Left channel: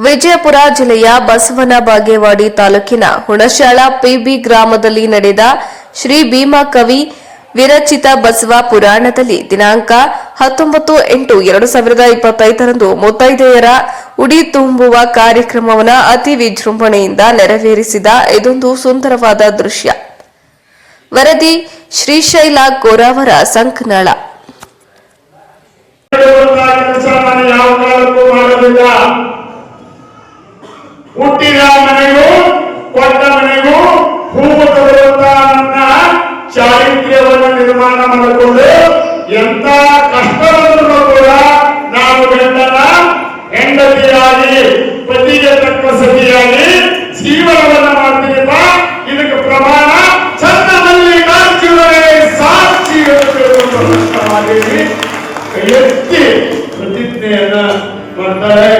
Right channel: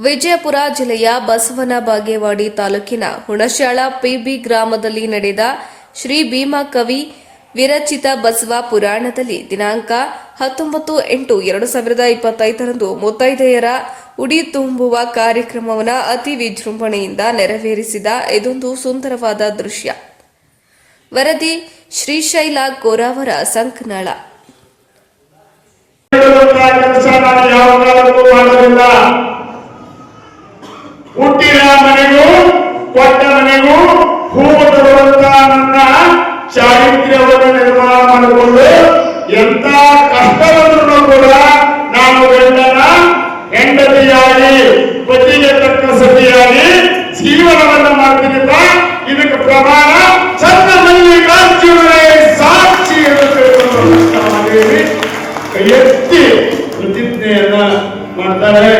ವಿಜಯಪುರ ಜಿಲ್ಲೆಯ ಬಸವನ ಬಾಗೇವಾಡಿ ತಾಲೂಕಿನ ಹುಣಶ್ಯಾಳ ಪಿಬಿ ಗ್ರಾಮದಲ್ಲಿ ನಡೆದ ಶ್ರೀ ಭೀಮಾ ಕವಿ ವಿರಚಿತ ಬಸವ ಪುರಾಣದಲ್ಲಿ ದಿನಾಂಕ ಹತ್ತೊಂಬತ್ತು ಎಂಟು ಎರಡು ಸಾವಿರದ ಇಪ್ಪತ್ತೈದರಂದು ಮುತ್ತೈದೆಯರ ಉಡಿ ತುಂಬುವ ಕಾರ್ಯಕ್ರಮವನ್ನು ಅತಿ ವಿಜೃಂಭಣೆಯಿಂದ ನೆರವೇರಿಸಿದ ಇದೊಂದು ಸುಂದರವಾದ ದೃಶ್ಯ. ವರದಿ ಶ್ರೀಶೈಲ ಕೋರಾವರ ಸಂಕನಳ ಕೆಲಸ ನಾನು ಯಾವ ಕಾಲಕ್ಕೂ ಮಾಡೋದಿಲ್ಲ ಹುಟ್ಟಿದ ಮನೆಗೂ ಕೊಟ್ಟ ಮನೆಗೂ ಹೂವು ಬರುವಂತ ನನ್ನ ಚಾರಿತ್ರ್ಯವನ್ನು ನಿರ್ಮಾಣ ಮಾಡಿಕೊಂಡು ಎಂತ ಕಷ್ಟವನ್ನು ಕೂಡ ನಾನು ಗಂಡನ ಹೆಂಡತಿಯಾಗಿ, ಪತಿಗೆ ತಕ್ಕ ಸತಿಯಾಗಿ ಜೀವನವನ್ನ ಮಾಡ್ತೀನಿ ಇದಕ್ಕೆ ಪ್ರಮಾಣ ಚಂದ ಕಾಂಚಿವರೇ ಸಾಕ್ಷಿ ಎತ್ತಿ ಪ್ರತಿಜ್ಞೆಯನ್ನ ಮಾಡ್ತಾರೆ.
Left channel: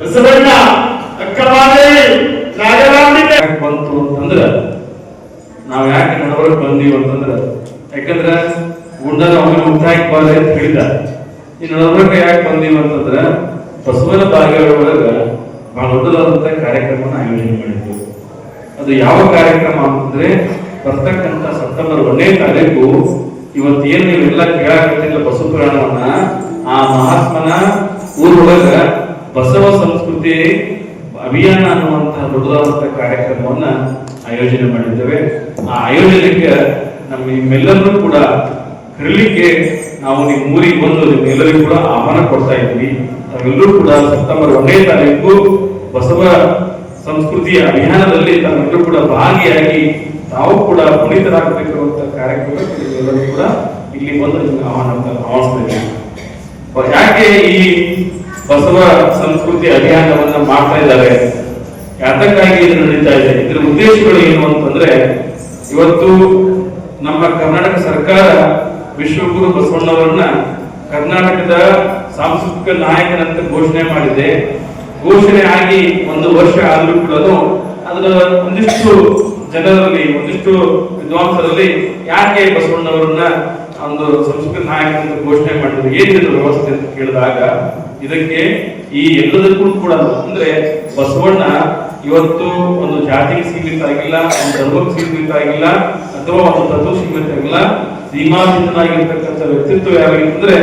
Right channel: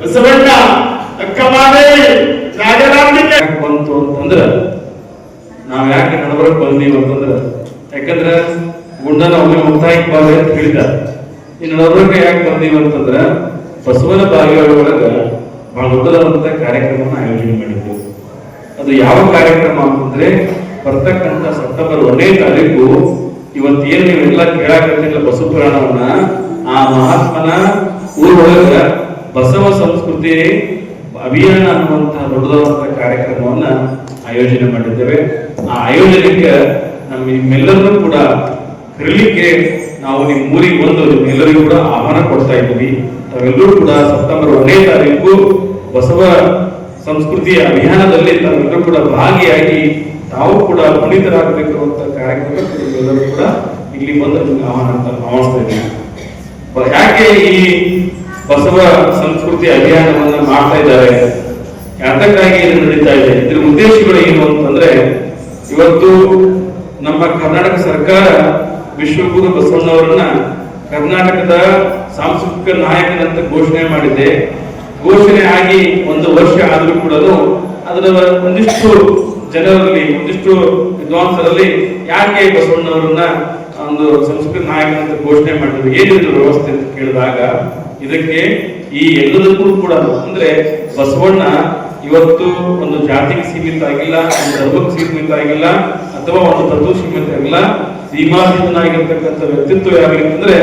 ಬಸವಣ್ಣ ಅಕ್ಕ ಮಾದೇವಿ ನಾಗರಾಂಬಿಕೆ ಯಾಕೆ ಬಂತು ಅಂತಂದ್ರ ನಾವ್ ಯಾಕೆ ನಡವಳಿಕೆ ಬಂದೀವಿ ಅಂತಂದ್ರೆ, ಯಾಕಂದ್ರೆ ಗುಂಡನ ಒಮ್ಮೆ ಮುಕ್ತಾಯಕ್ಕೆ ಬರ್ಲಿ ಅಂತ ಹೇಳಿದ್ದಾರೆ ಈ ನಡವಳಿಕೆ ಯಾಕೆ ಬಂದೀವಿ ಅಂತಂದ್ರೆ, ಬಸವನ ಬಾಗಿಲೊಳಗ ಬಹಳ ದೊಡ್ಡದಾದಂತ ಕಾರ್ಯಕ್ರಮನ ಆಯೋಜನೆ ಮಾಡಿದ್ವಿ ಅದು ಯಾವ ಕಾರ್ಯಕ್ರಮ ಅಂತಂದ್ರೆ, ಬರ್ತಕ್ಕಂಥ ಸೆಪ್ಟೆಂಬರ್ ಒಂದನೇ ತಾರೀಕು ಇವತ್ತೇನು ನೀವೆಲ್ಲ ಕೇಳಾಕತ್ತಿಲ್ಲ ಬಸವ ಪುರಾಣವನ್ನ, ಆ ಮಹಾತ್ಮನ ಊರೊಳಗ ಬಸವ ಸಂಸ್ಕೃತಿ ಅಭಿಯಾನ ಅನ್ನುವಂತಹ ದೊಡ್ಡದಾದಂತಹ ಕಾರ್ಯಕ್ರಮವನ್ನ ಆಯೋಜನೆ ಮಾಡಿದ್ದೇವೆ. ಆ ಆಯೋಜನೆಗೆ ನಮ್ಮ ನಿಮ್ಮೆಲ್ಲರನ್ನೂ ಕೂಡ ಕರೀಲಿಕ್ಕೆ ನಾವು ನಿಮ್ಮ ಊರಿಗೆ ಬಂದು ನಿಮ್ಮೆಲ್ಲರಿಗೂ ಕೂಡ ಆಹ್ವಾನ ಕೊಡ್ತಾ ಇದ್ದೀವಿ. ತಾವೆಲ್ಲರೂ ಕೂಡ ಸೆಪ್ಟೆಂಬರ್ ಒಂದನೇ ತಾರೀಕು ಬಸವ ಸಂಸ್ಕೃತಿಯ ಅಭಿಯಾನದಲ್ಲಿ ತಾವೆಲ್ಲರೂ ಕೂಡ ಭಾಗಿಯಾಗಿ ತಾವು ಕೂಡ ಪುನೀತರಾಗಬೇಕು ಅಂತ ಕಾರ್ಯಕ್ರಮಕ್ಕೆ ನಿಮ್ಮೆಲ್ಲರೂ ಕೂಡ ಇಲ್ಲಿ ಬಂದು ಆಹ್ವಾನ ಇದ್ದೀವಿ. ಯಾಕೆ ಈ ಬಸವ ಸಂಸ್ಕೃತಿ ಅಭಿಯಾನವನ್ನ ಮಾಡ್ತಾ ಇದ್ದಾರೆ. ಯಾತಕ್ಕಾಗಿ ಏನು ನಡೀತಾ ಇದೆ? ಇದ್ರ ಉದ್ದೇಶಗಳು ಏನು ಅಂತಂದ್ರೆ, ಇವತ್ತು ನಮ್ಮ ಕರ್ನಾಟಕ ಸರ್ಕಾರ ವಿಶ್ವಗುರು ಬಸವಣ್ಣವರನ್ನ ಕರ್ನಾಟಕದ ಸಾಂಸ್ಕೃತಿಕ ನಾಯಕನಂತ ಘೋಷಣೆ ಮಾಡಿದೆ. ಘೋಷಣೆ ಆಗಿ ಒಂದು ವರ್ಷ ಆದರೂ ಕೂಡ ಅದರ ಒಂದಿಷ್ಟು ಜನರಲ್ಲಿ, ಒಂದಿಷ್ಟು ವಿದ್ವಾಂಸರಲ್ಲಿ ಯಾಕೆ ಬಸವಣ್ಣವರನ್ನ ಒಂದು ಸಂಸ್ಕೃತಿ ನಾಯಕ ಅಂತ ಘೋಷಣೆ ಮಾಡಿದ್ರು? ಏನಿದೆ ವ್ಯವಸ್ಥೆ ಅಂತ ಕೇಳಿದಾಗ ಇದಕ್ಕೆ ಈ ಎಲ್ಲದಕ್ಕೂ ಕೂಡ ಅಂದ್ರೆ ಬಸವಣ್ಣ ಇವತ್ತು ಒಂದು ಜಾತಿಗೆ ಸೀಮಿತ ಆಗಿಲ್ಲ, ಒಂದು ಧರ್ಮಕ್ಕೆ ಸೀಮಿತ ಆಗಿಲ್ಲ, ಅಥವಾ ಒಂದು ತತ್ವ ಸೀಮಿತ ಆಗಿಲ್ಲ. ಸೀಮಾತೀತನಾಗಿರ್ತಕ್ಕಂಥ ವ್ಯಕ್ತಿತ್ವ ಯಾವಾಗಿತ್ತಂದ್ರೆ